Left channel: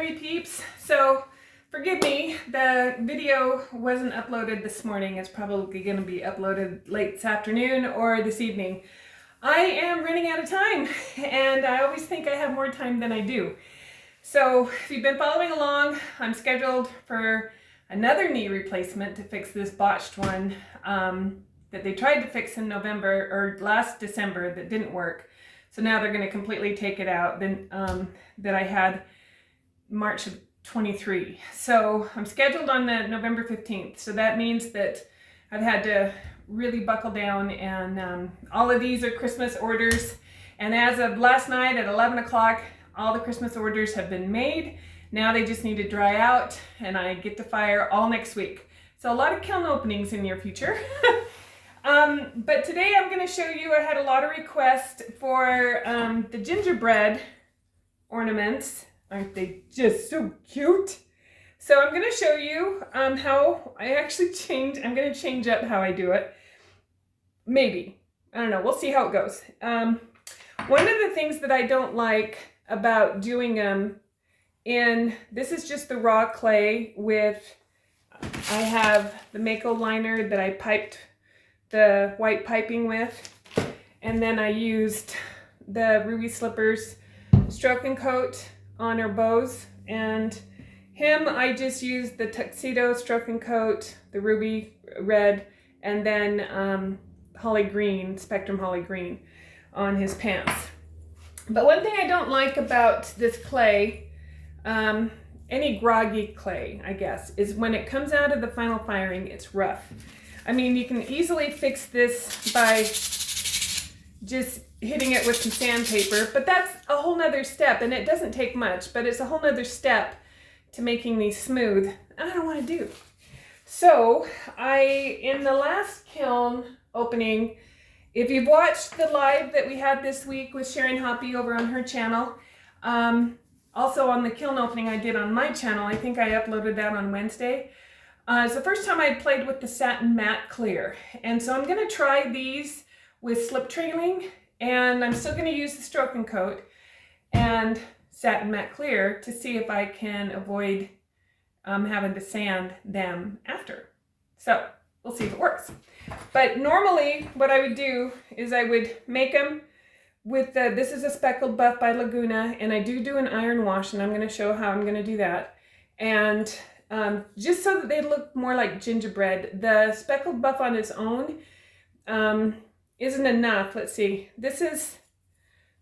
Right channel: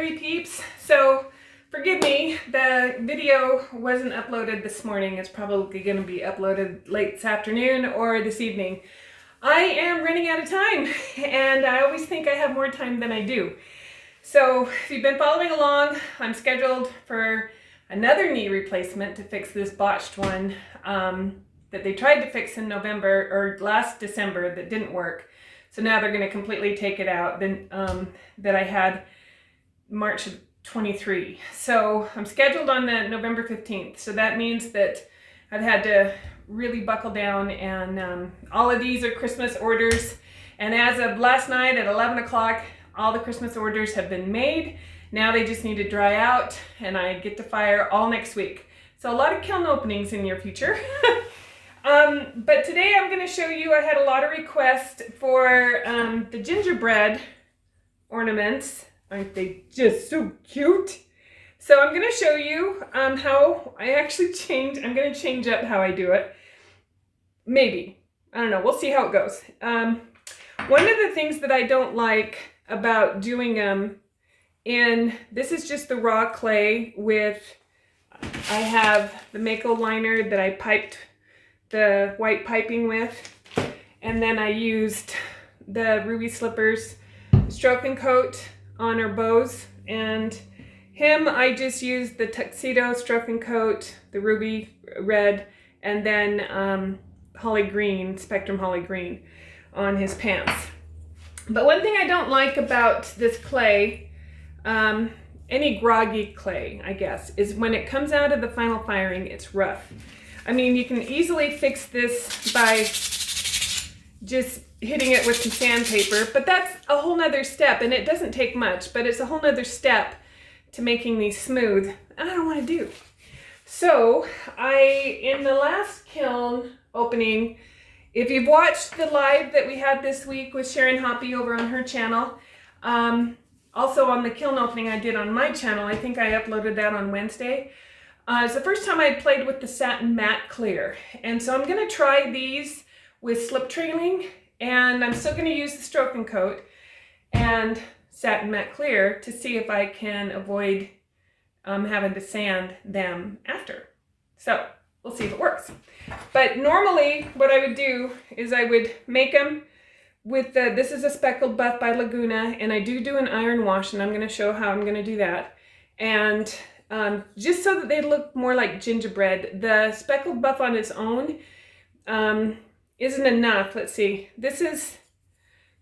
Pottery peeps. So forgive me, the video wasn't uploaded this morning. It's probably going to be uploaded late this afternoon or this evening. I am running out of time, and I always think I have more time than I do. So if you've been following along, I'm scheduled for another knee replacement to fix this botched one that they tried to fix in November or last December that didn't work. So now they're going to completely take it out that I had March of 23. So I'm scheduled on the November 15th. So that means that I've had to really buckle down, and all of these are Christmas orders. And as of last night at 11 o'clock, all the Christmas orders have been made. Now they just need to dry out, and I get to fire all next week. So a lot of kiln openings in the near future. But today I'm going to show you, I had a lot of requests for the gingerbread ornaments. Aren't they just so cute? So I'm going to show you how I actually I'm going to change up how I do it. Maybe. I don't know. We'll see how it goes. One of the things that I don't like about doing them this is just the raw clay with, I have the Mako liner that I piped the white piping with, and then I used the Ruby Slippers Stroke and Coat on her bows, and him I just used the Tuxedo Stroke and Coat, the Ruby Red, and then Holly Green, Spectrum Holly Green on his pants. But one thing I don't like about this clay, any groggy clay, I guess, is when it comes out of the final firing, it's rough. I mean, you can easily fix this by just hitting it with some sandpaper, but that's a whole nother step, and it doesn't take much, but it's a whole nother step to making these smooth. I don't want to do. So in the last kiln opening, if you've watched the live that we had this week with Sharon Hoppy over on her channel, also on the kiln opening I did on my channel, I think I uploaded that on Wednesday. It's the first time I played with the satin matte clear, and so I'm going to try these with slip trailing, and I'm still going to use the Stroke and Coat and satin matte clear to see if I can avoid having to sand them after. So we'll see if it works. But normally what I would do is I would make them with this is a Speckled Buff by Laguna, and I do an iron wash, and I'm going to show how I'm going to do that. And just so that they look more like gingerbread. The Speckled Buff on its own isn't enough. Let's see. This is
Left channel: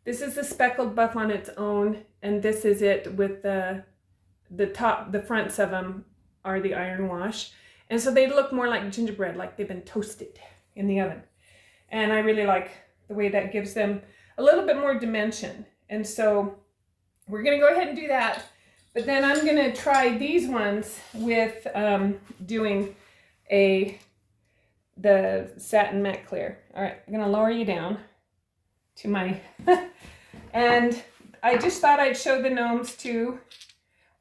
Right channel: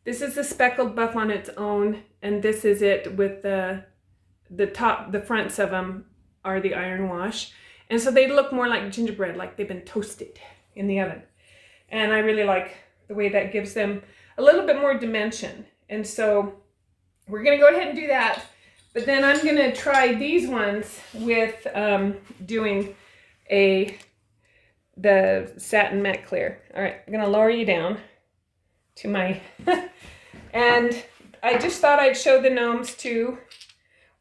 the Speckled Buff on its own, and this is it with the fronts of them are the iron wash. And so they look more like gingerbread, like they've been toasted in the oven. And I really like the way that gives them a little bit more dimension. And so we're going to go ahead and do that. But then I'm going to try these ones with doing the satin matte clear. All right, I'm going to lower you down to my... And I just thought I'd show the gnomes too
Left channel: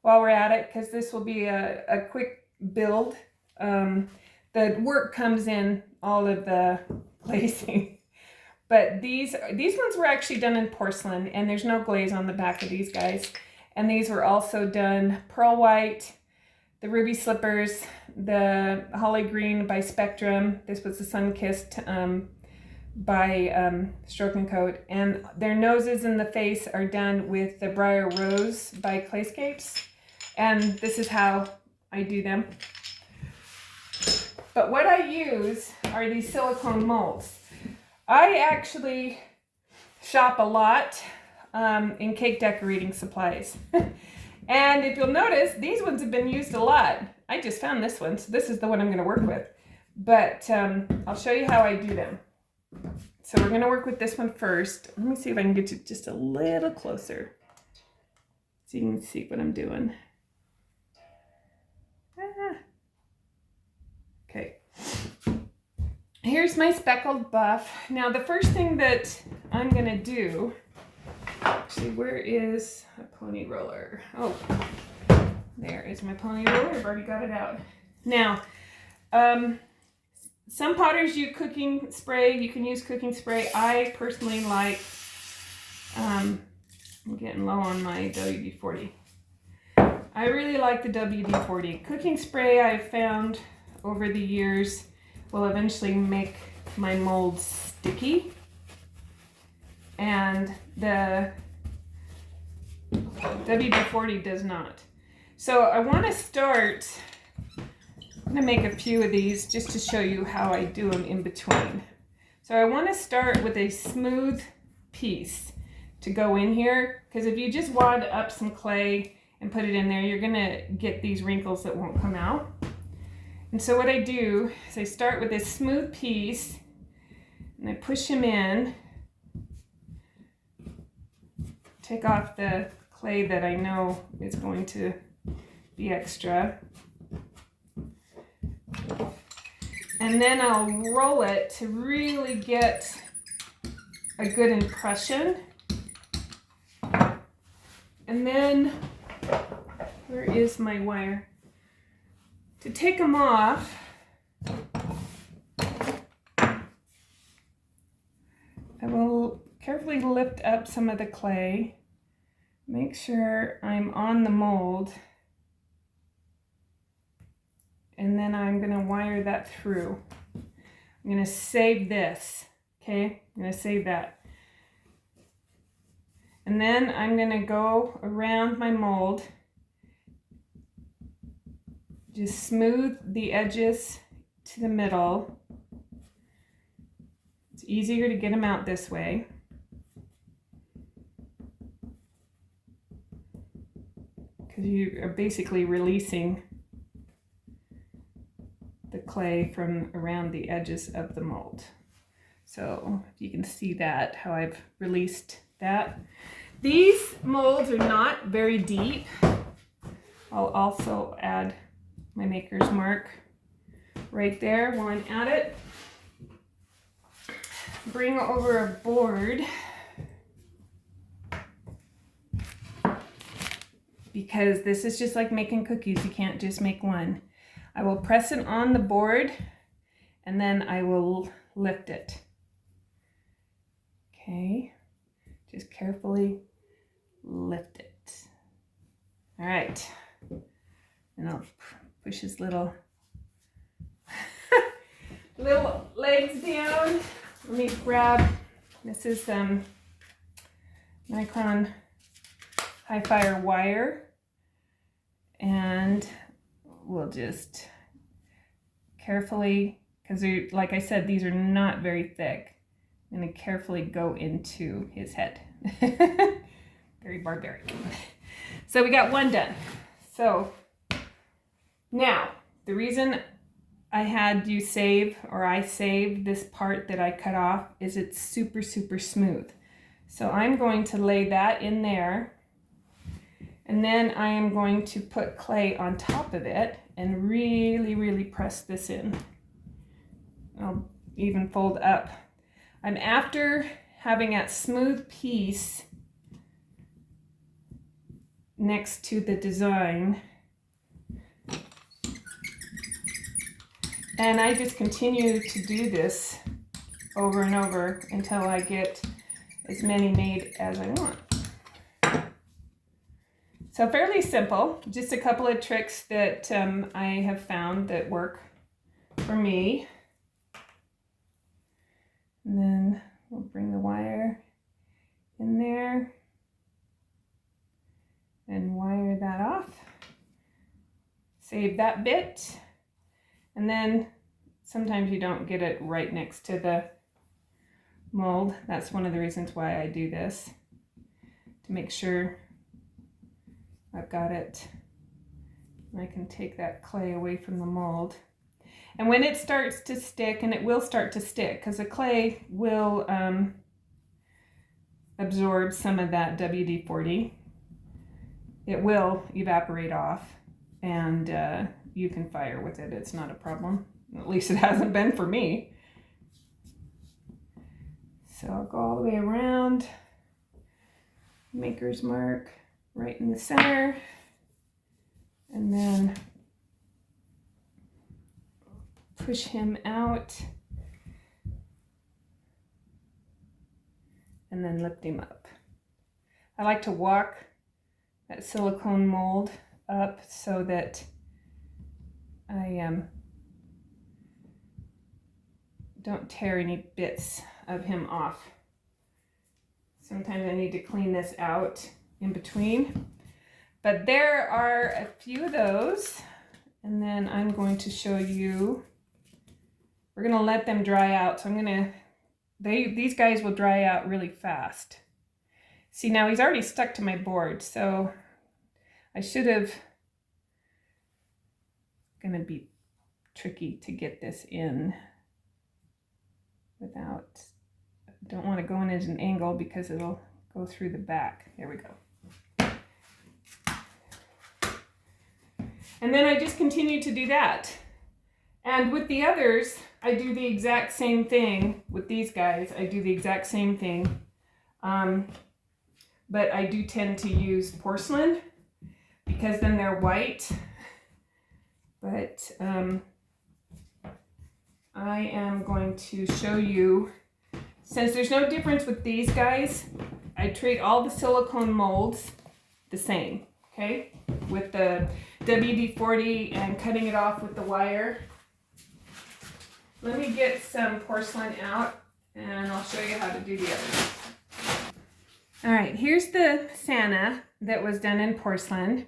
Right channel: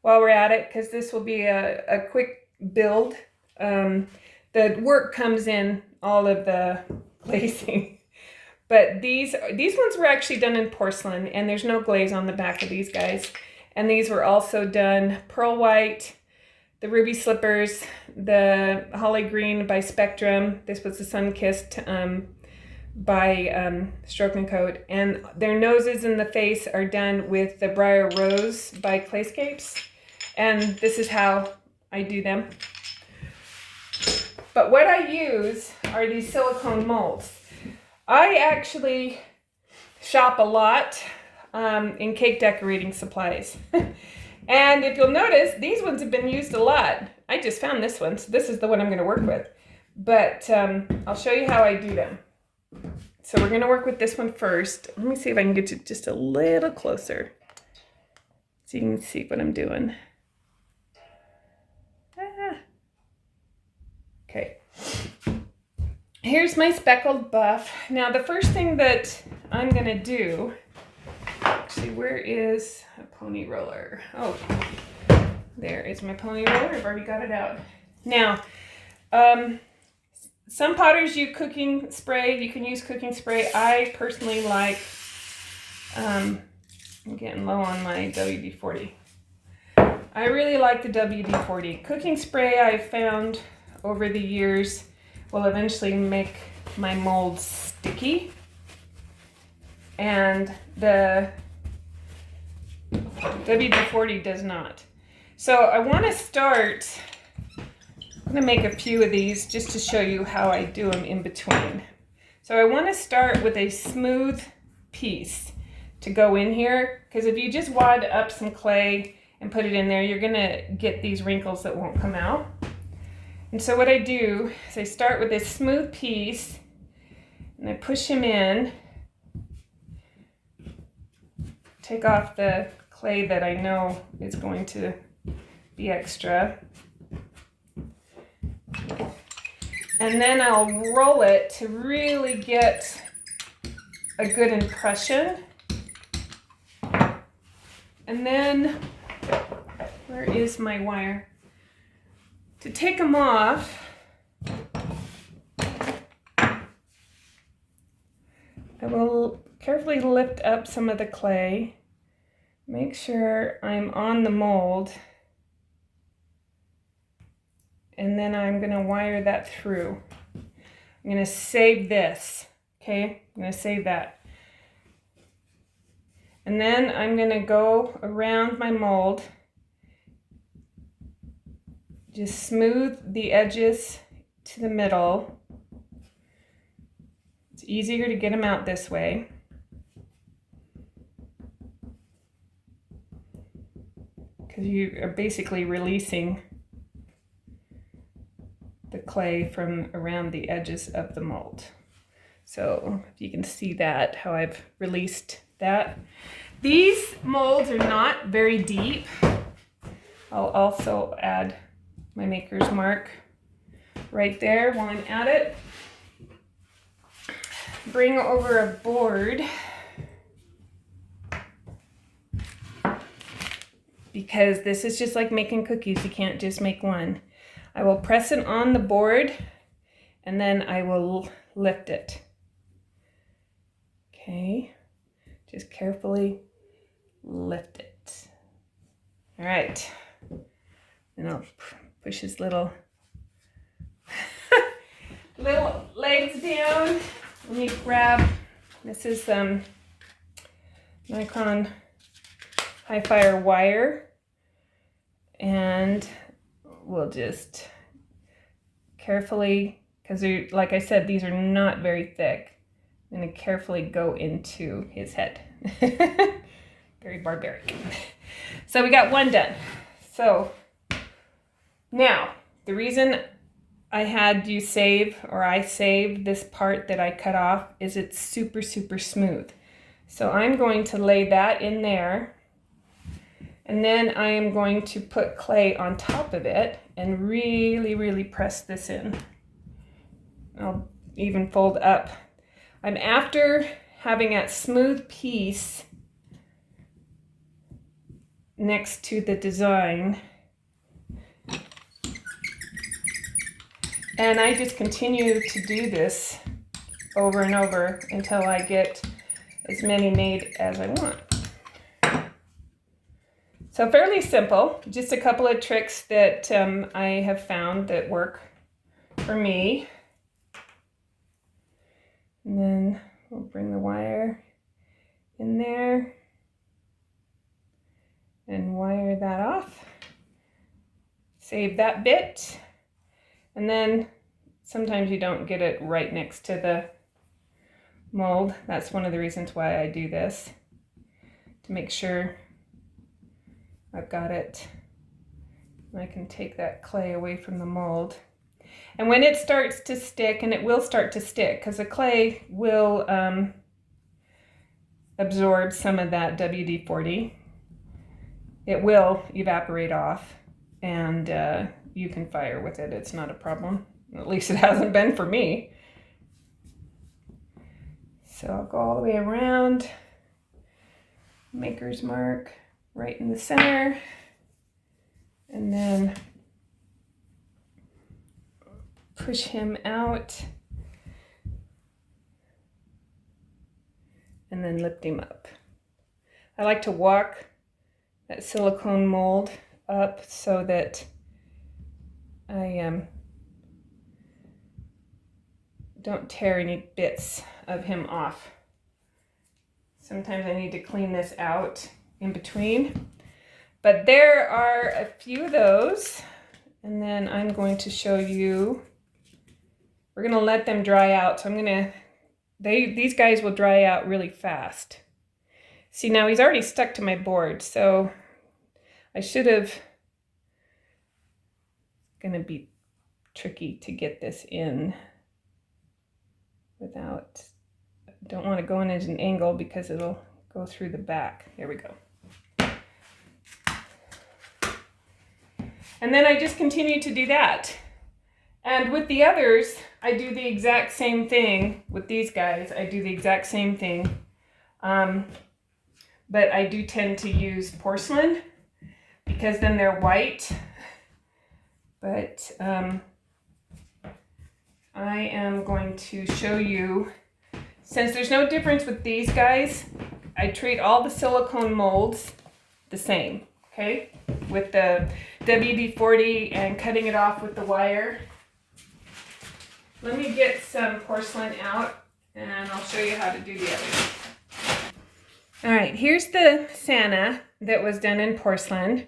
while we're at it, because this will be a quick build. The work comes in all of the glazing. But these ones were actually done in porcelain, and there's no glaze on the back of these guys. And these were also done pearl white, the Ruby Slippers, the Holly Green by Spectrum. This was the Sun-Kissed by Stroke and Coat. And their noses and the face are done with the Briar Rose by Clayscapes. And this is how I do them. But what I use are these silicone molds. I actually shop a lot in cake decorating supplies. And if you'll notice, these ones have been used a lot. I just found this one, so this is the one I'm going to work with. But I'll show you how I do them. So we're going to work with this one first. Let me see if I can get you just a little closer so you can see what I'm doing. Okay. Here's my Speckled Buff. Now the first thing that I'm going to do, actually, where is a pony roller? Oh, there is my pony roller. I've already got it out. Now, some potters use cooking spray. You can use cooking spray. I personally like, I'm getting low on my WD-40. I really like the WD-40. Cooking spray I've found over the years will eventually make my molds sticky. And the WD-40 does not. So I want to start, I'm going to make a few of these just to show you how I do them in between. So I want to start with a smooth piece to go in here, because if you just wad up some clay and put it in there, you're going to get these wrinkles that won't come out. And so what I do is I start with this smooth piece and I push him in, take off the clay that I know is going to be extra. And then I'll roll it to really get a good impression. And then, where is my wire? To take them off, I will carefully lift up some of the clay, make sure I'm on the mold, and then I'm going to wire that through. I'm going to save this, okay? I'm going to save that. And then I'm going to go around my mold, just smooth the edges to the middle. It's easier to get them out this way. Because you are basically releasing the clay from around the edges of the mold. So if you can see that, how I've released that. These molds are not very deep. I'll also add my maker's mark right there while I'm at it. Bring over a board, because this is just like making cookies. You can't just make one. I will press it on the board and then I will lift it. Okay, just carefully lift it. All right, and I'll push his little little legs down. Let me grab, this is Micron high fire wire, and we'll just carefully, because like I said, these are not very thick. I'm going to carefully go into his head. Very barbaric. So we got one done. So now, the reason I had you save, or I saved this part that I cut off, is it's super, super smooth. So I'm going to lay that in there, and then I am going to put clay on top of it and really, really press this in. I'll even fold up. I'm after having that smooth piece next to the design. And I just continue to do this over and over until I get as many made as I want. So fairly simple, just a couple of tricks that I have found that work for me. And then we'll bring the wire in there and wire that off. Save that bit. And then sometimes you don't get it right next to the mold. That's one of the reasons why I do this, to make sure I've got it. I can take that clay away from the mold. And when it starts to stick, and it will start to stick because the clay will absorb some of that WD-40, it will evaporate off, and you can fire with it. It's not a problem. At least it hasn't been for me. So I'll go all the way around, maker's mark right in the center, and then push him out, and then lift him up. I like to walk that silicone mold up so that I don't tear any bits of him off. Sometimes I need to clean this out in between. But there are a few of those. And then I'm going to show you, we're going to let them dry out. So I'm going to, these guys will dry out really fast. See, now he's already stuck to my board. So I should have, going to be tricky to get this in without, don't want to go in at an angle because it'll go through the back. There we go. And then I just continue to do that. And with the others, I do the exact same thing. With these guys, I do the exact same thing. But I do tend to use porcelain because then they're white. But I am going to show you, since there's no difference with these guys, I treat all the silicone molds the same, okay? With the WD-40 and cutting it off with the wire. Let me get some porcelain out and I'll show you how to do the others. All right, here's the Santa that was done in porcelain.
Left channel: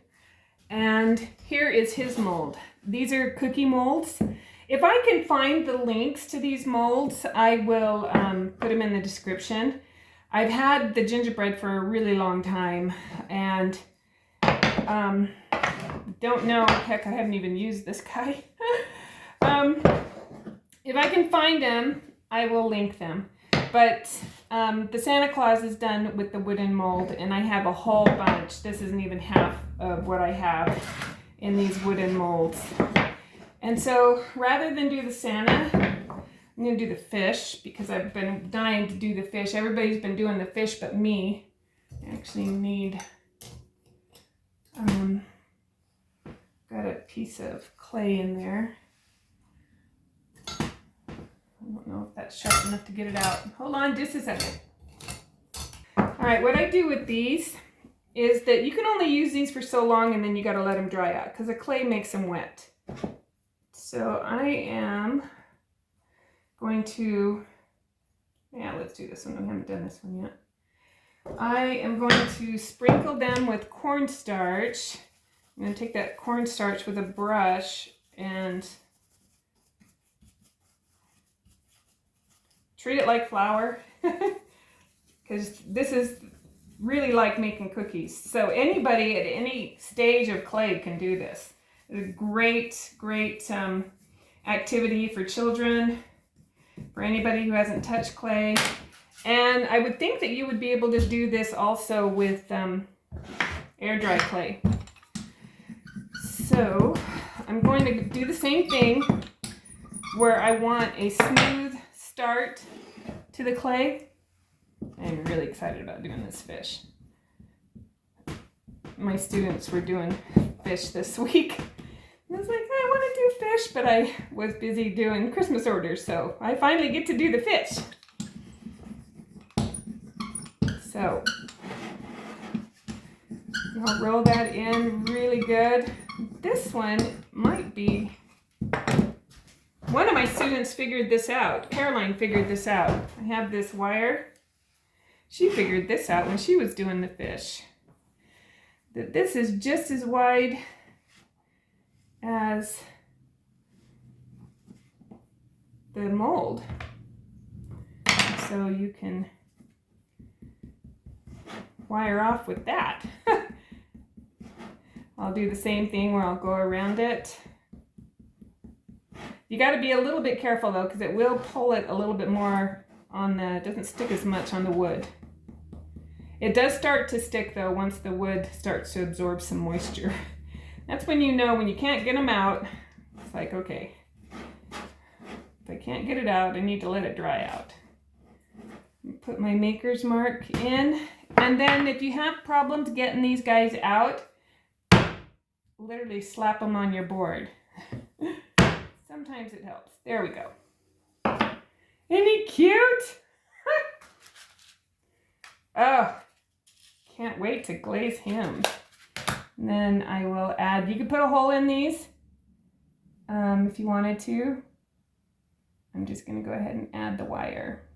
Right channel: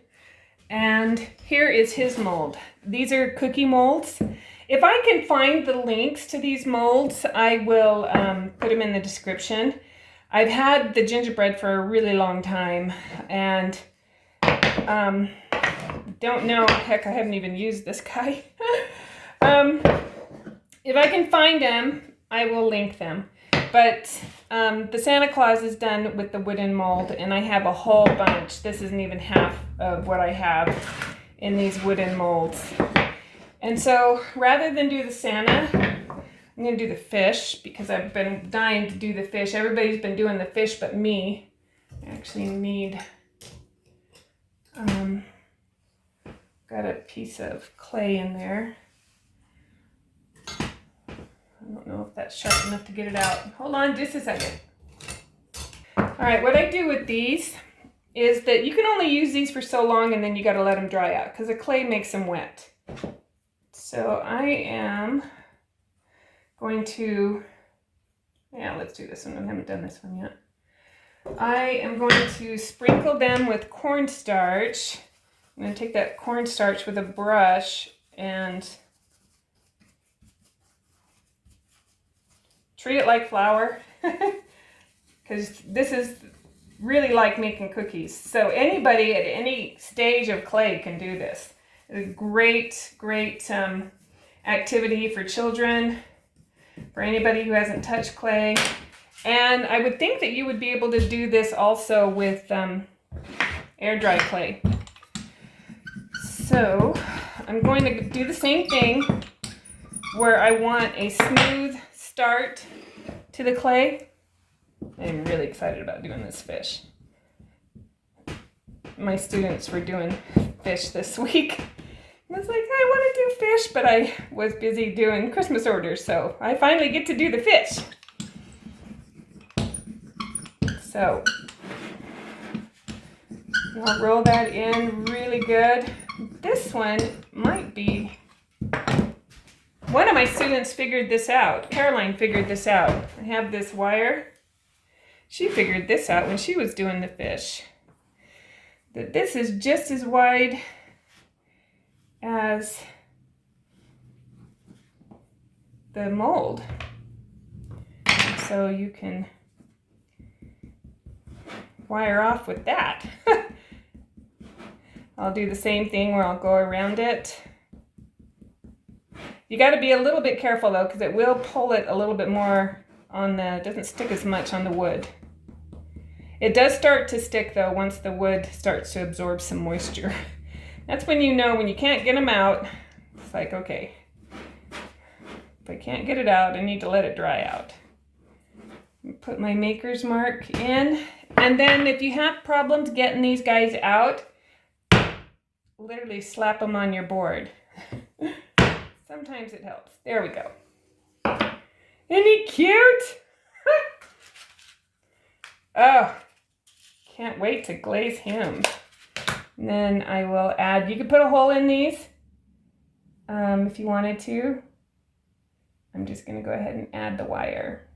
And here is his mold. These are cookie molds. If I can find the links to these molds, I will put them in the description. I've had the gingerbread for a really long time and don't know, heck, I haven't even used this guy. If I can find them, I will link them. But the Santa Claus is done with the wooden mold and I have a whole bunch. This isn't even half of what I have in these wooden molds. And so rather than do the Santa, I'm going to do the fish because I've been dying to do the fish. Everybody's been doing the fish but me. I actually need, got a piece of clay in there. I don't know if that's sharp enough to get it out. Hold on just a second. All right, what I do with these is that you can only use these for so long and then you got to let them dry out because the clay makes them wet. So I am going to, yeah, let's do this one. I haven't done this one yet. I am going to sprinkle them with cornstarch. I'm going to take that cornstarch with a brush and treat it like flour because this is really like making cookies. So anybody at any stage of clay can do this. It's a great, great activity for children, for anybody who hasn't touched clay. And I would think that you would be able to do this also with air dry clay. So I'm going to do the same thing where I want a smooth start to the clay. I'm really excited about doing this fish. My students were doing fish this week. I was like, I want to do fish, but I was busy doing Christmas orders, so I finally get to do the fish. So I'll roll that in really good. This one might be, one of my students figured this out. Caroline figured this out. I have this wire. She figured this out when she was doing the fish. That this is just as wide as the mold. So you can wire off with that. I'll do the same thing where I'll go around it. You got to be a little bit careful though, because it will pull it a little bit more on the, it doesn't stick as much on the wood. It does start to stick though once the wood starts to absorb some moisture. That's when you know when you can't get them out. It's like, okay, if I can't get it out, I need to let it dry out. Put my maker's mark in. And then if you have problems getting these guys out, literally slap them on your board. Sometimes it helps. There we go. Isn't he cute? Oh, can't wait to glaze him. And then I will add, you could put a hole in these if you wanted to. I'm just going to go ahead and add the wire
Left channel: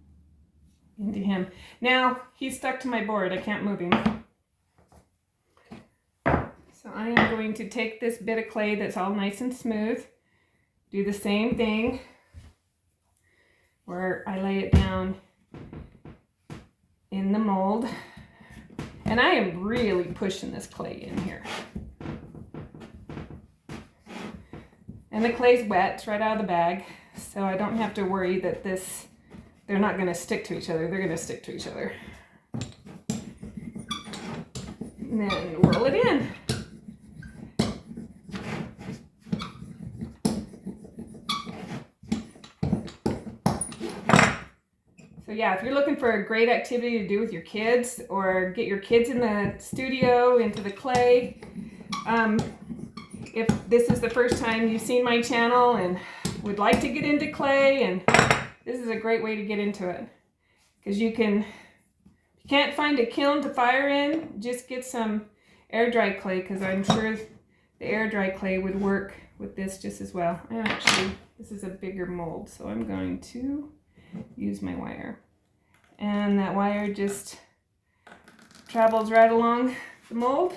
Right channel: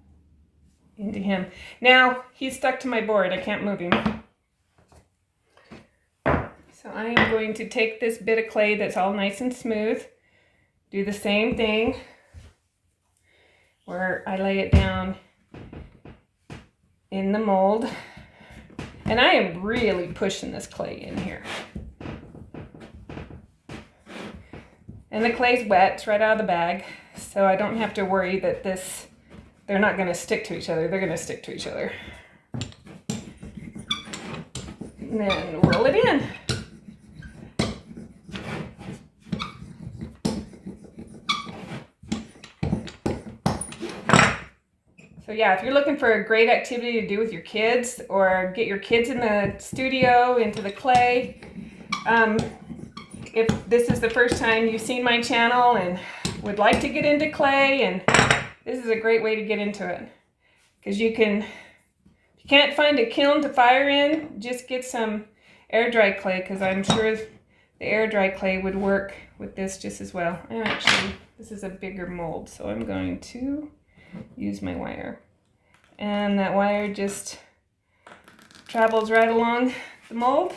into him. Now he's stuck to my board. I can't move him. So I am going to take this bit of clay that's all nice and smooth, do the same thing where I lay it down in the mold. And I am really pushing this clay in here. And the clay's wet, it's right out of the bag, so I don't have to worry that they're not going to stick to each other. They're going to stick to each other. And then roll it in. So yeah, if you're looking for a great activity to do with your kids or get your kids in the studio, into the clay, if this is the first time you've seen my channel and would like to get into clay, and this is a great way to get into it. Because if you can't find a kiln to fire in, just get some air dry clay, because I'm sure the air dry clay would work with this just as well. And actually, this is a bigger mold, so I'm going to use my wire. And that wire just travels right along the mold.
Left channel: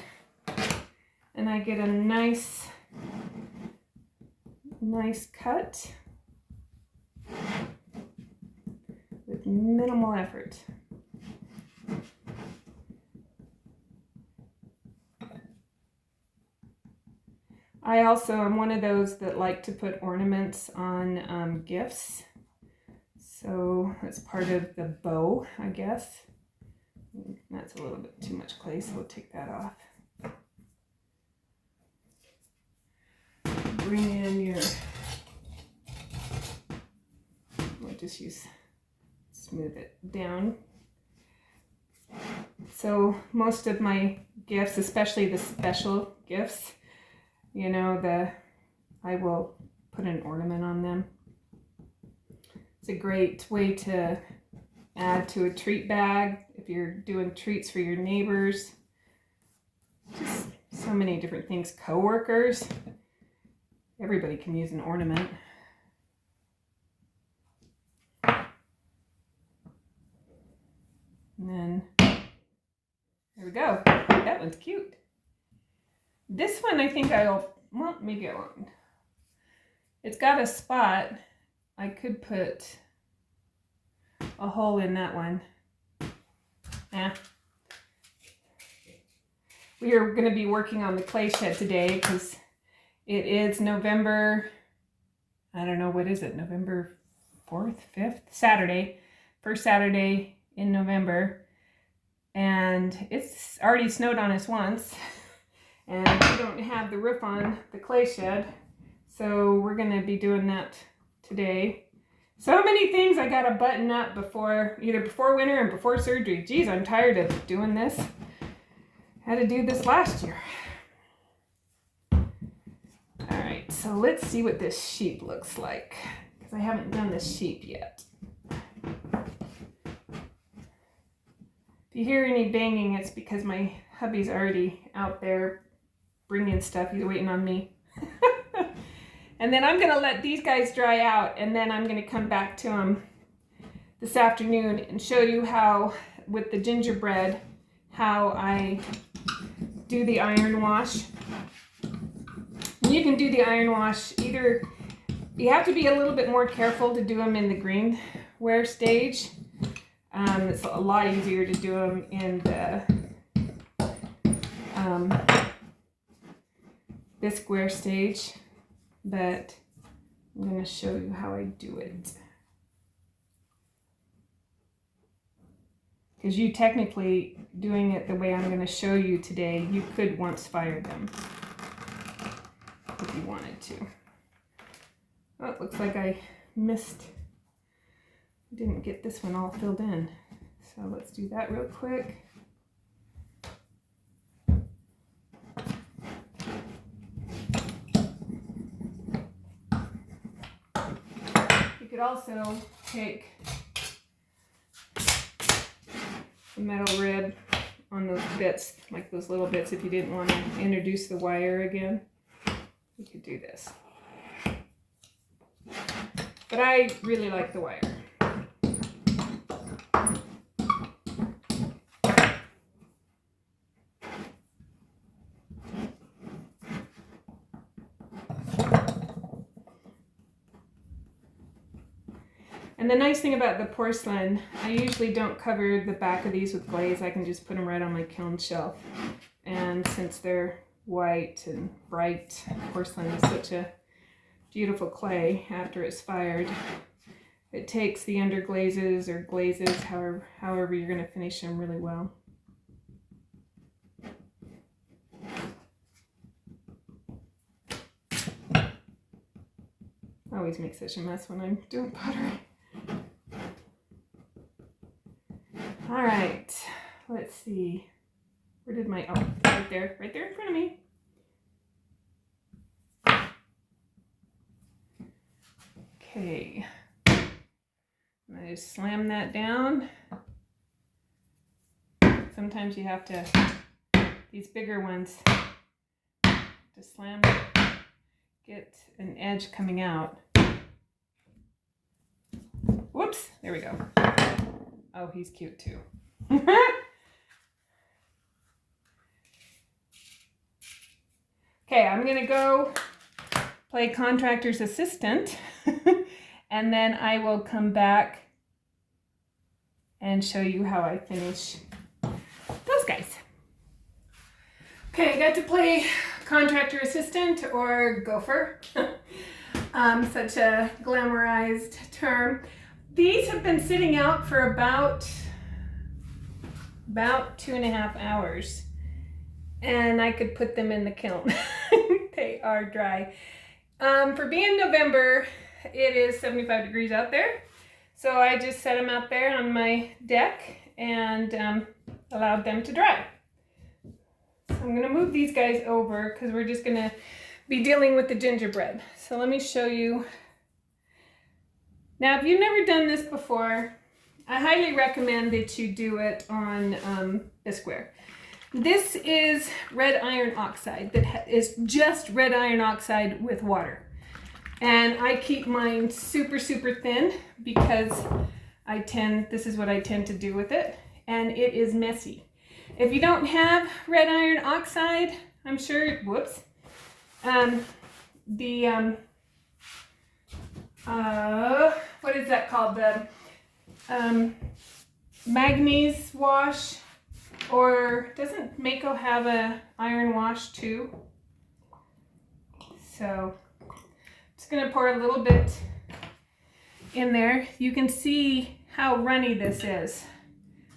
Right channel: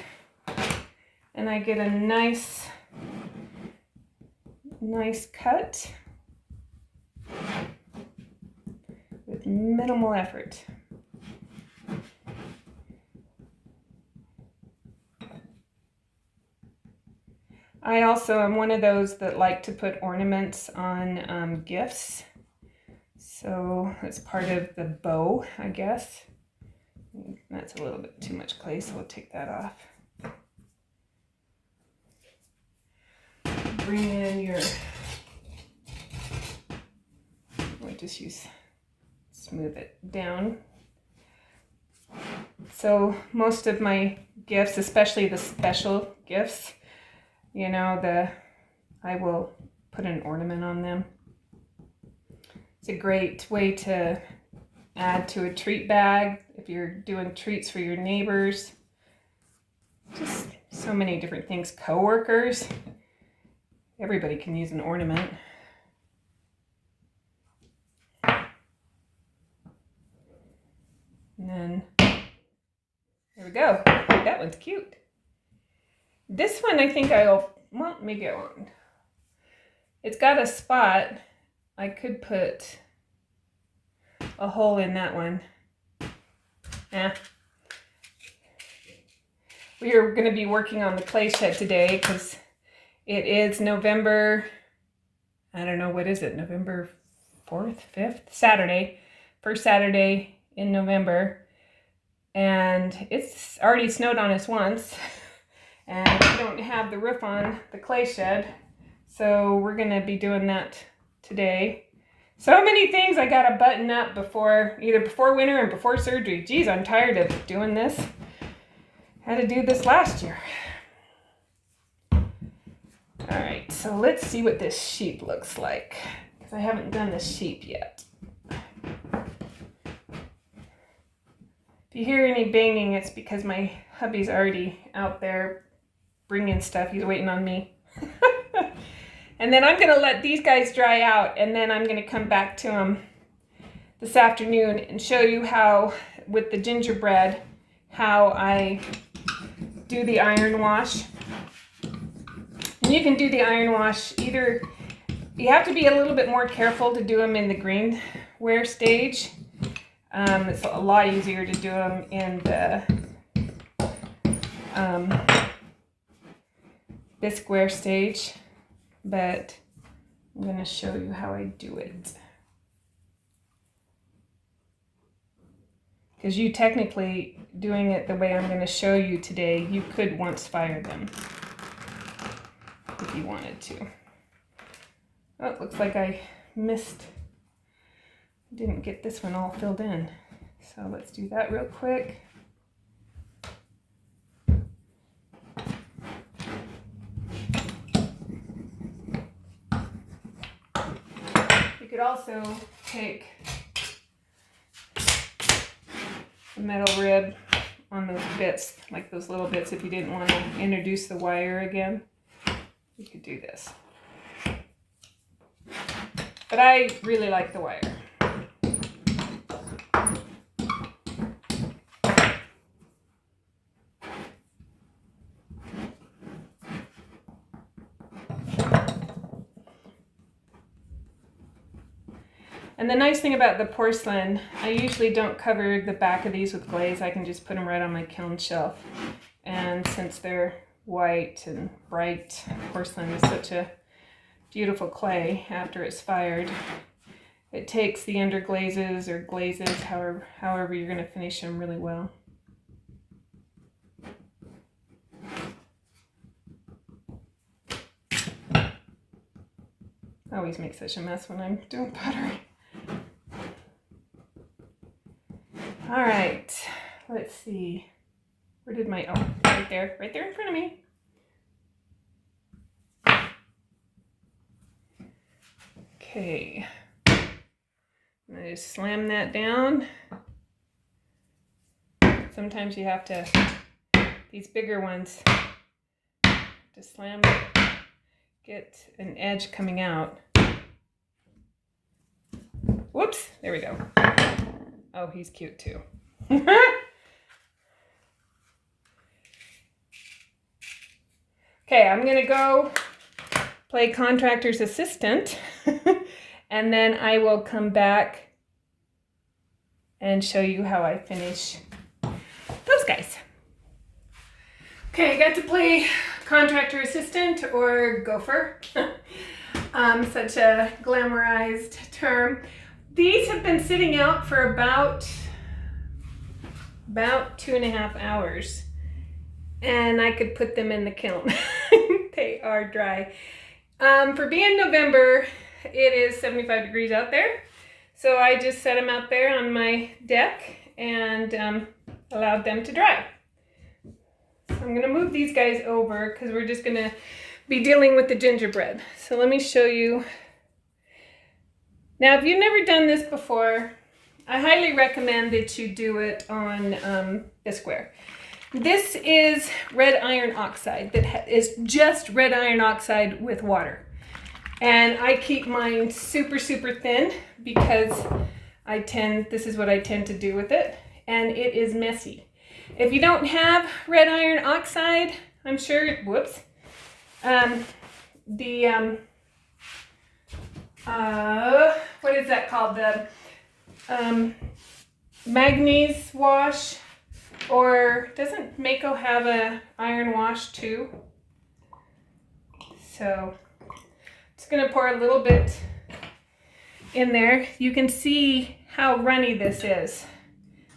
And I get a nice cut with minimal effort. I also am one of those that like to put ornaments on gifts. So that's part of the bow, I guess. That's a little bit too much clay, so we'll take that off. Bring in your, I'll just smooth it down. So most of my gifts, especially the special gifts, you know, I will put an ornament on them. It's a great way to add to a treat bag if you're doing treats for your neighbors. Just so many different things. Coworkers. Everybody can use an ornament. And then, there we go. That one's cute. This one I think well, maybe I won't. It's got a spot. I could put a hole in that one. We are going to be working on the clay shed today because it is November, I don't know, what is it? November 4th, 5th? Saturday. First Saturday in November. And it's already snowed on us once. And we don't have the roof on the clay shed. So we're going to be doing that today. So many things I got to button up either before winter and before surgery. Geez, I'm tired of doing this. Had to do this last year. All right, so let's see what this sheep looks like, because I haven't done the sheep yet. If you hear any banging, it's because my hubby's already out there bringing stuff. He's waiting on me. And then I'm going to let these guys dry out, and then I'm going to come back to them this afternoon and show you how, with the gingerbread, how I do the iron wash. And you can do the iron wash either, you have to be a little bit more careful to do them in the greenware stage. It's a lot easier to do them in the bisqueware stage, but I'm going to show you how I do it. Because you technically, doing it the way I'm going to show you today, you could once fire them if you wanted to. Oh, it looks like I didn't get this one all filled in. So let's do that real quick. You could also take a metal rib on those bits, like those little bits. If you didn't want to introduce the wire again, you could do this. But I really like the wire. And the nice thing about the porcelain, I usually don't cover the back of these with glaze. I can just put them right on my kiln shelf. And since they're white and bright, porcelain is such a beautiful clay after it's fired. It takes the underglazes or glazes, however you're going to finish them, really well. I always make such a mess when I'm doing pottery. All right, let's see. Where did my, oh, right there in front of me. Okay, I'm gonna just slam that down. Sometimes you have to, these bigger ones, to slam it, get an edge coming out. Whoops, there we go. Oh, he's cute too. Okay, I'm gonna go play contractor's assistant and then I will come back and show you how I finish those guys. Okay, I got to play contractor assistant or gopher. Such a glamorized term. These have been sitting out for about 2.5 hours, and I could put them in the kiln. They are dry. For being November, it is 75 degrees out there, so I just set them out there on my deck and allowed them to dry. So I'm going to move these guys over because we're just going to be dealing with the gingerbread. So let me show you. Now, if you've never done this before, I highly recommend that you do it on a square. This is red iron oxide that is just red iron oxide with water. And I keep mine super, super thin because this is what I tend to do with it. And it is messy. If you don't have red iron oxide, I'm sure, whoops, what is that called? The manganese wash, or doesn't Mako have a iron wash too? So just gonna pour a little bit in there. You can see how runny this is.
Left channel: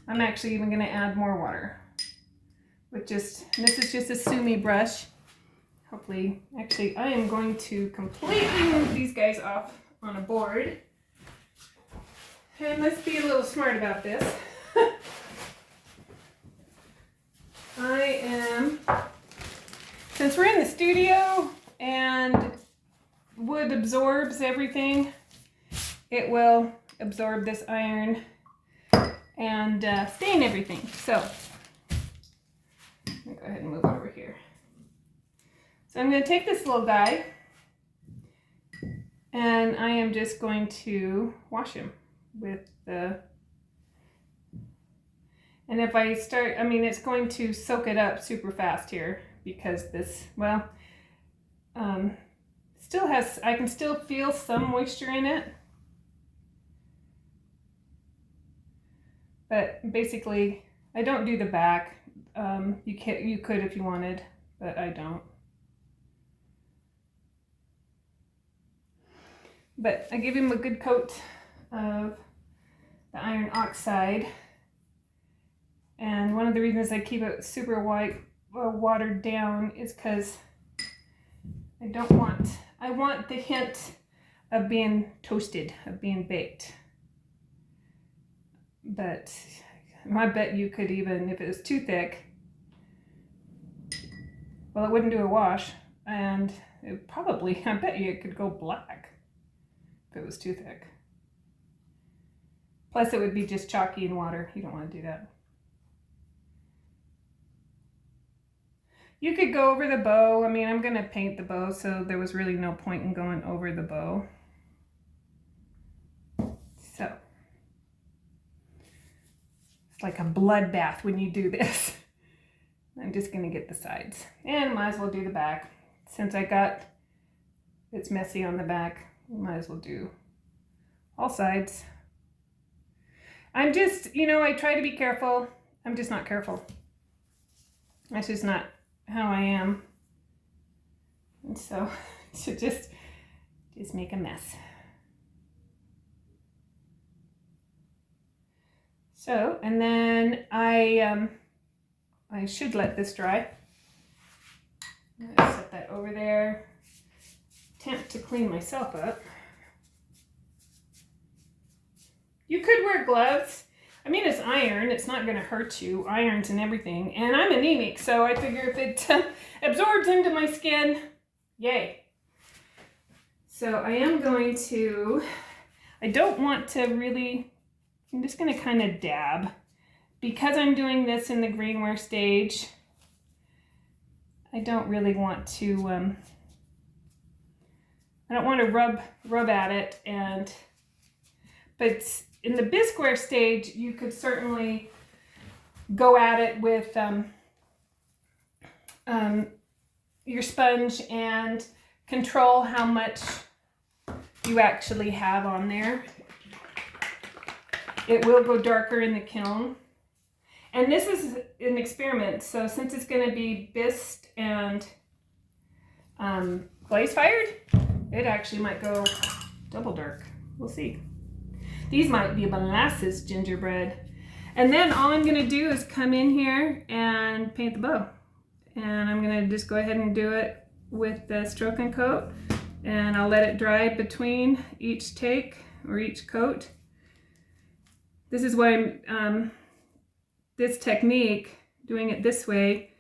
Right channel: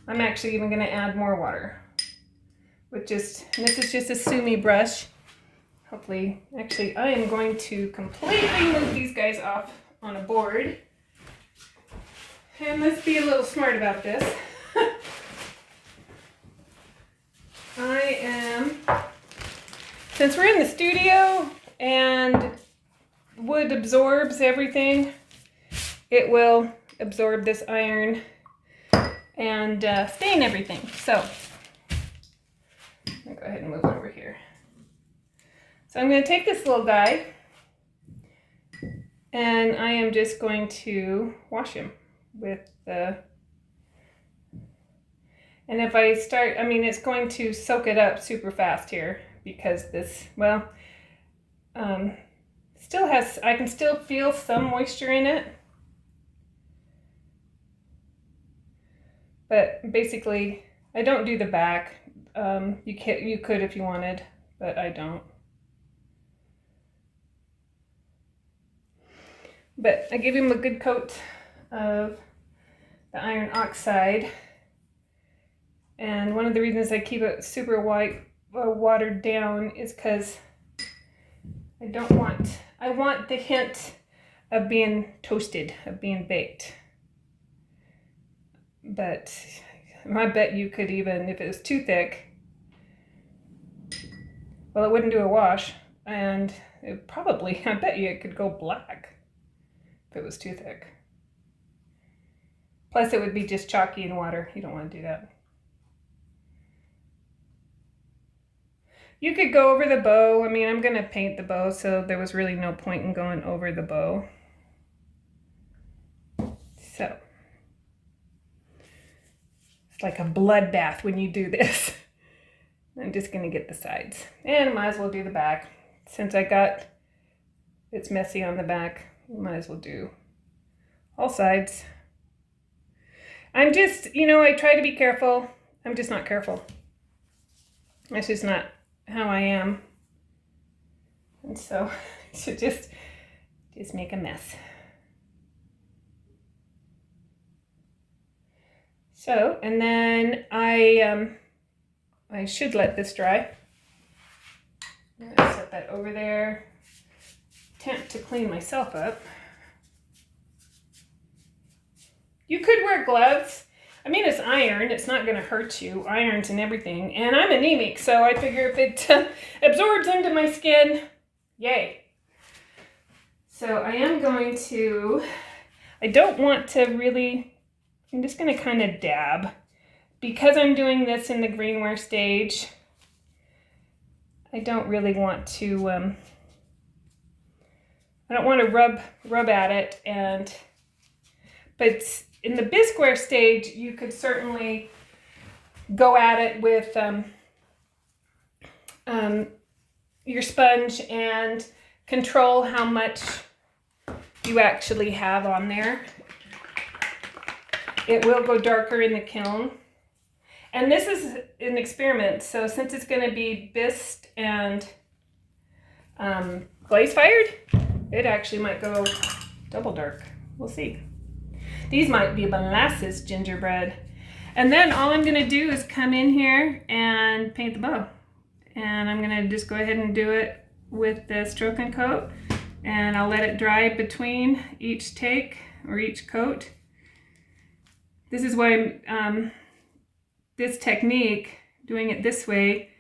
I'm actually even gonna add more water with this is just a sumi brush. Hopefully, actually, I am going to completely move these guys off on a board. And let's be a little smart about this. Since we're in the studio and wood absorbs everything, it will absorb this iron and stain everything. So, I'll go ahead and move over here. So I'm going to take this little guy and I am just going to wash him with the, and if I start, I mean, it's going to soak it up super fast here because this, well, still has, I can still feel some moisture in it. But basically, I don't do the back. You could if you wanted, but I don't. But I give him a good coat of the iron oxide. And one of the reasons I keep it super white, watered down is because I want the hint of being toasted, of being baked. But I bet you could even, if it was too thick, well, it wouldn't do a wash. And it probably, I bet you it could go black if it was too thick. Plus it would be just chalky in water. You don't want to do that. You could go over the bow. I mean, I'm going to paint the bow, so there was really no point in going over the bow. So, it's like a bloodbath when you do this. I'm just going to get the sides. And might as well do the back. Since it's messy on the back, might as well do all sides. I'm just, I try to be careful. I'm just not careful. That's just not how I am. And so, just make a mess. So, and then I should let this dry. I'm gonna set that over there. Attempt to clean myself up. You could wear gloves. I mean, it's iron. It's not going to hurt you. Irons and everything. And I'm anemic, so I figure if it absorbs into my skin, yay. So I am going to, I don't want to really, I'm just going to kind of dab. Because I'm doing this in the greenware stage, I don't really want to, I don't want to rub at it, but in the bisqueware stage, you could certainly go at it with your sponge and control how much you actually have on there. It will go darker in the kiln. And this is an experiment, so since it's going to be bisqued and glaze fired, it actually might go double dark. We'll see. These might be molasses gingerbread. And then all I'm going to do is come in here and paint the bow. And I'm going to just go ahead and do it with the stroke and coat. And I'll let it dry between each take or each coat. This is why this technique, doing it this way,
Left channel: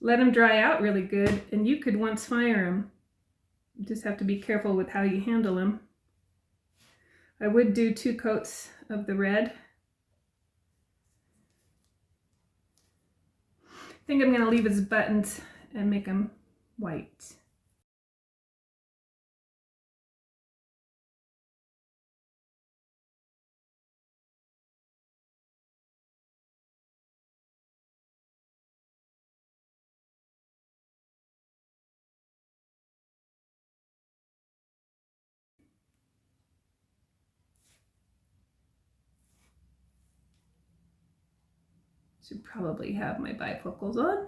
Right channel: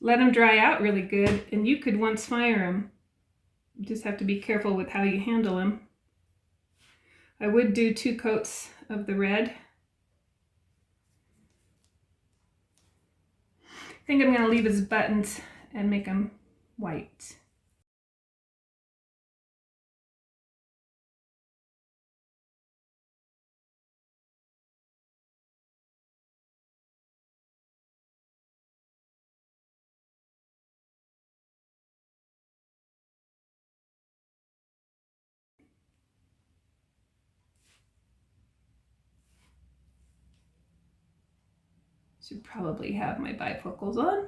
let them dry out really good. And you could once fire them. You just have to be careful with how you handle them. I would do 2 coats of the red. I think I'm going to leave his buttons and make them white. Should probably have my bifocals on.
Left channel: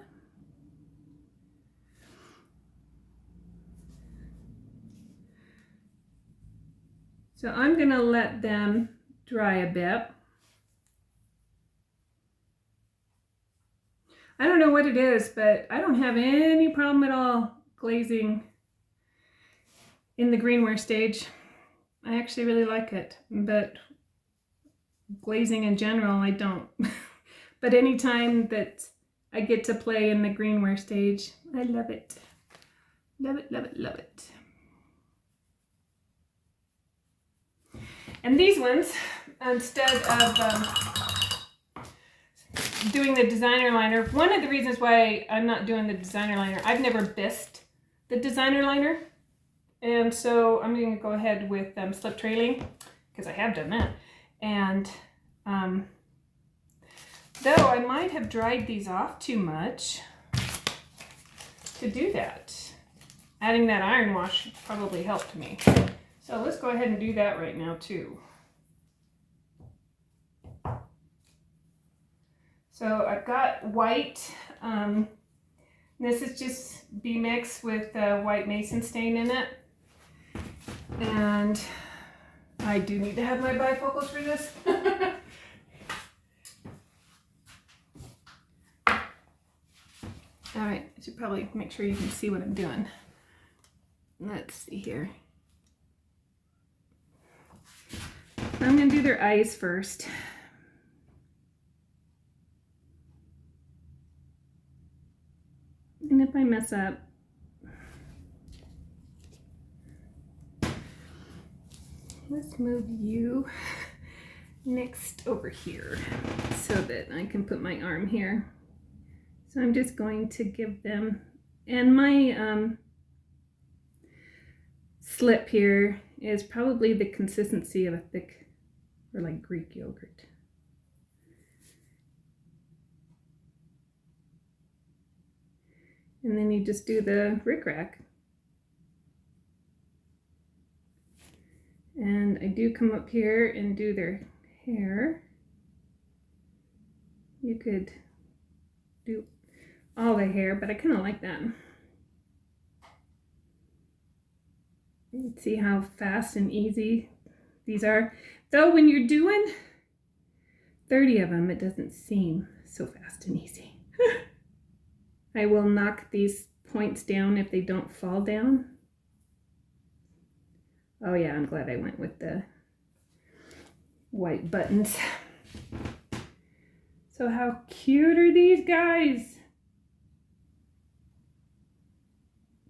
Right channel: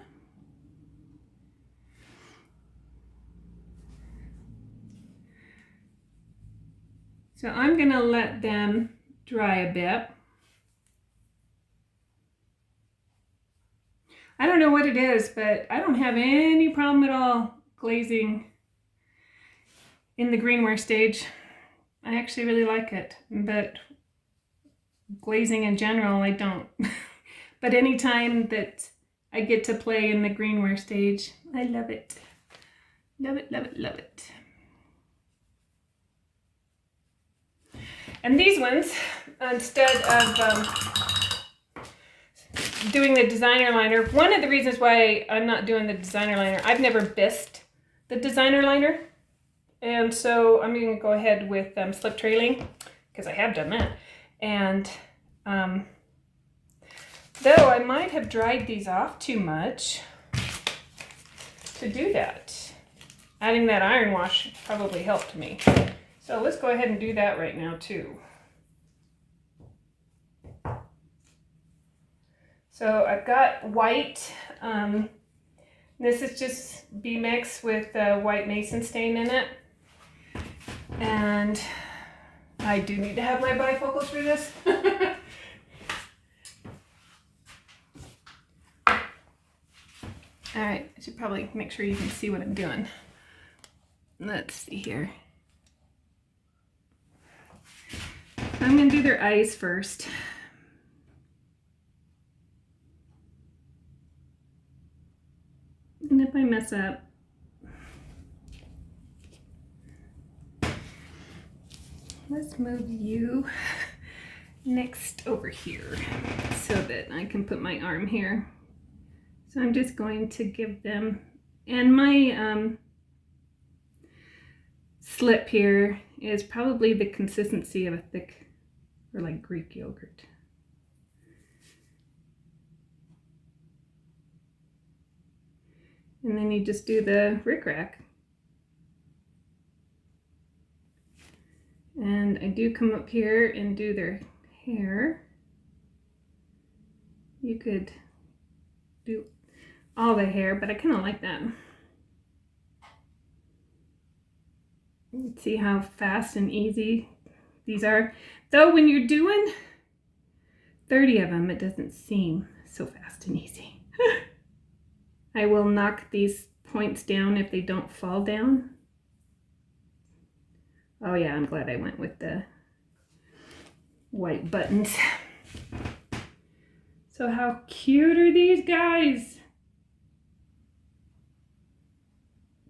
So I'm going to let them dry a bit. I don't know what it is, but I don't have any problem at all glazing in the greenware stage. I actually really like it, but glazing in general, I don't. But anytime that I get to play in the greenware stage, I love it. Love it, love it, love it. And these ones, instead of doing the designer liner, one of the reasons why I'm not doing the designer liner, I've never bisqued the designer liner. And so I'm going to go ahead with slip trailing, because I have done that. And though I might have dried these off too much to do that. Adding that iron wash probably helped me. So let's go ahead and do that right now too. So I've got white. This is just B-Mix with white mason stain in it. And I do need to have my bifocals for this. All right, I should probably make sure you can see what I'm doing. Let's see here. I'm going to do their eyes first. And if I mess up, let's move you next over here so that I can put my arm here. So I'm just going to give them And my slip here is probably the consistency of a thick, or like Greek yogurt. And then you just do the rickrack. And I do come up here and do their hair. You could do all the hair, but I kind of like that. See how fast and easy these are. Though when you're doing 30 of them, it doesn't seem so fast and easy. I will knock these points down if they don't fall down. Oh yeah, I'm glad I went with the white buttons. So how cute are these guys?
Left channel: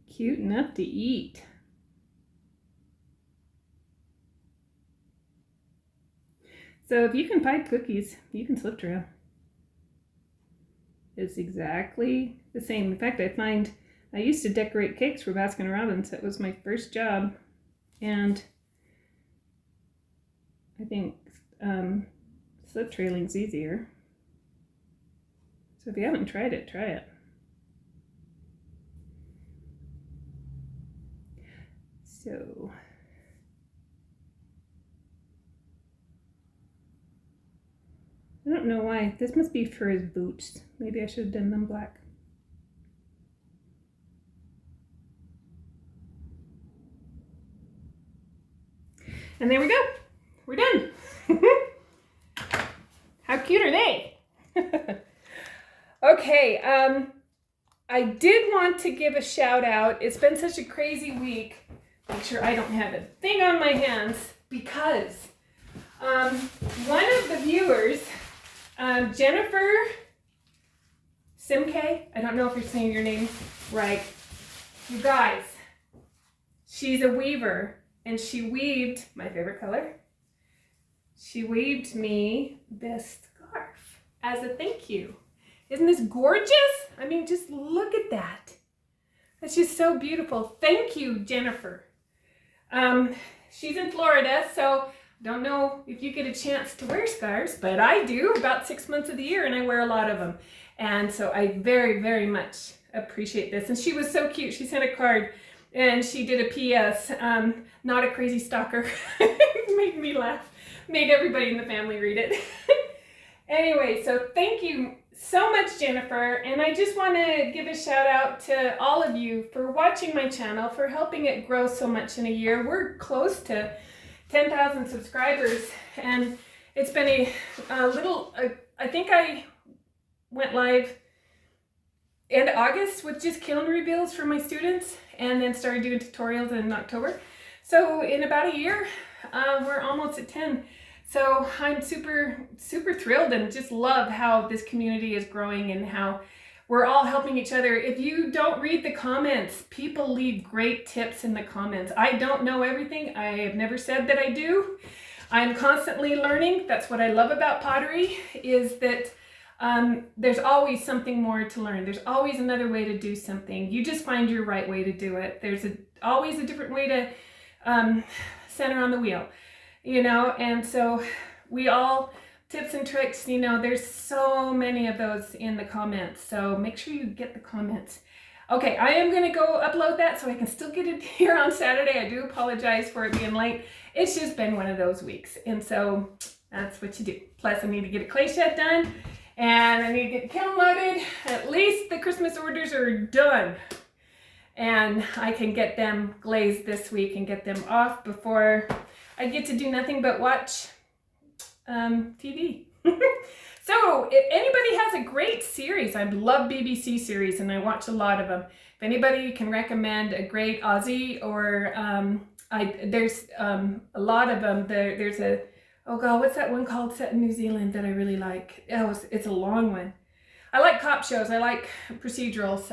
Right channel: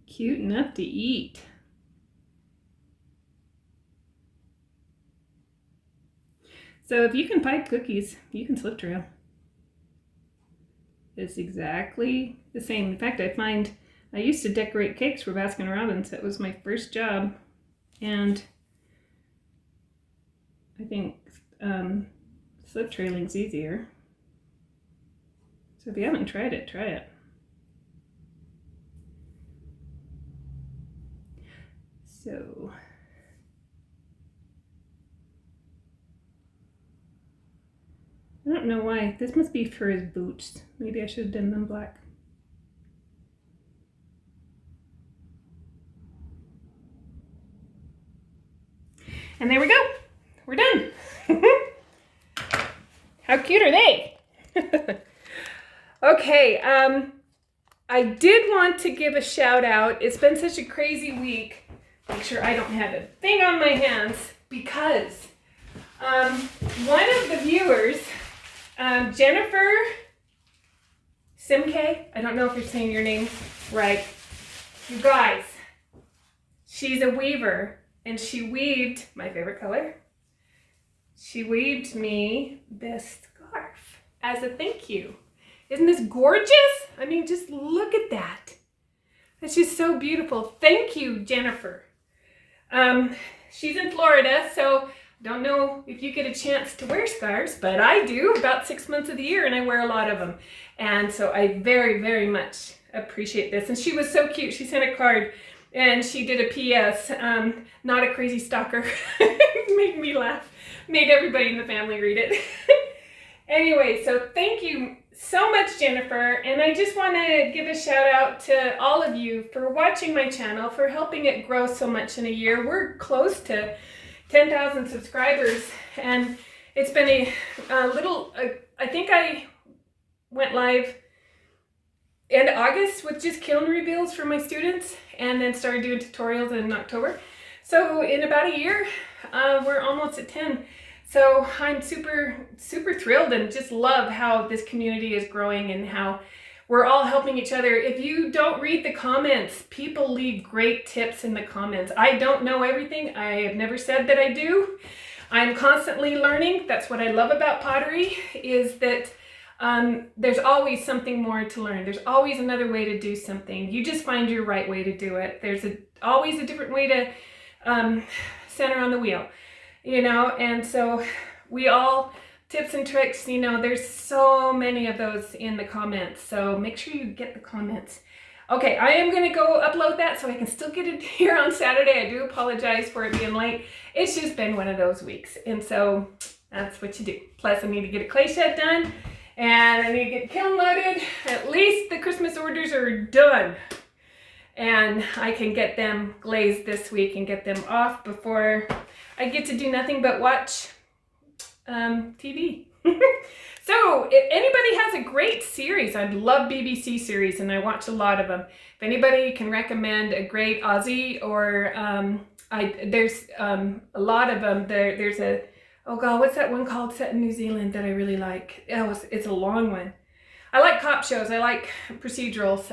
Cute enough to eat. So if you can pipe cookies, you can slip trail. It's exactly the same. In fact, I used to decorate cakes for Baskin Robbins. That was my first job. And I think slip trailing's easier. So if you haven't tried it, try it. So I don't know why. This must be for his boots. Maybe I should have done them black. And there we go. We're done. How cute are they? Okay, I did want to give a shout out. It's been such a crazy week. Make sure I don't have a thing on my hands because one of the viewers, Jennifer Simke, I don't know if you're saying your name right. You guys, she's a weaver and she weaved my favorite color. She weaved me this scarf as a thank you. Isn't this gorgeous? I mean, just look at that. That's just so beautiful. Thank you, Jennifer. She's in Florida, so don't know if you get a chance to wear scarves, but I do about 6 months of the year, and I wear a lot of them. And so I very, very much appreciate this. And she was so cute. She sent a card, and she did a PS, not a crazy stalker. Made me laugh. Made everybody in the family read it. Anyway, so thank you so much, Jennifer. And I just want to give a shout out to all of you for watching my channel, for helping it grow so much in a year. We're close to 10,000 subscribers, and it's been a little, I think I went live in August with just kiln reveals for my students, and then started doing tutorials in October. So in about a year, we're almost at 10. So I'm super, super thrilled and just love how this community is growing and how we're all helping each other. If you don't read the comments, people leave great tips in the comments. I don't know everything. I have never said that I do. I'm constantly learning. That's what I love about pottery, is that there's always something more to learn. There's always another way to do something. You just find your right way to do it. There's always a different way to center on the wheel, you know, and so we all, tips and tricks, you know, there's so many of those in the comments, so make sure you get the comments. Okay, I am going to go upload that so I can still get it here on Saturday. I do apologize for it being late. It's just been one of those weeks, and so that's what you do. Plus, I need to get a clay shed done, and I need to get kiln loaded. At least the Christmas orders are done, and I can get them glazed this week and get them off before I get to do nothing but watch TV. So if anybody has a great series, I love BBC series and I watch a lot of them. If anybody can recommend a great Aussie or there's a lot of them. There's a, oh God, what's that one called set in New Zealand that I really like? Oh, it's a long one. I like cop shows. I like procedurals,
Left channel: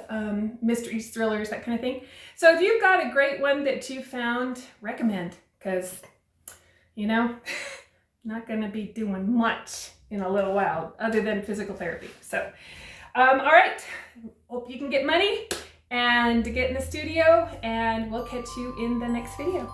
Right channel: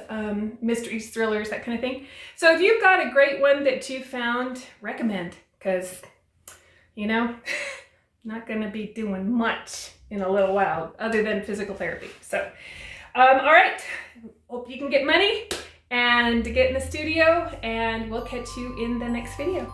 mysteries, thrillers, that kind of thing. So if you've got a great one that you found, recommend, because, you know, not going to be doing much in a little while other than physical therapy. So, all right. Hope you can get money and to get in the studio, and we'll catch you in the next video.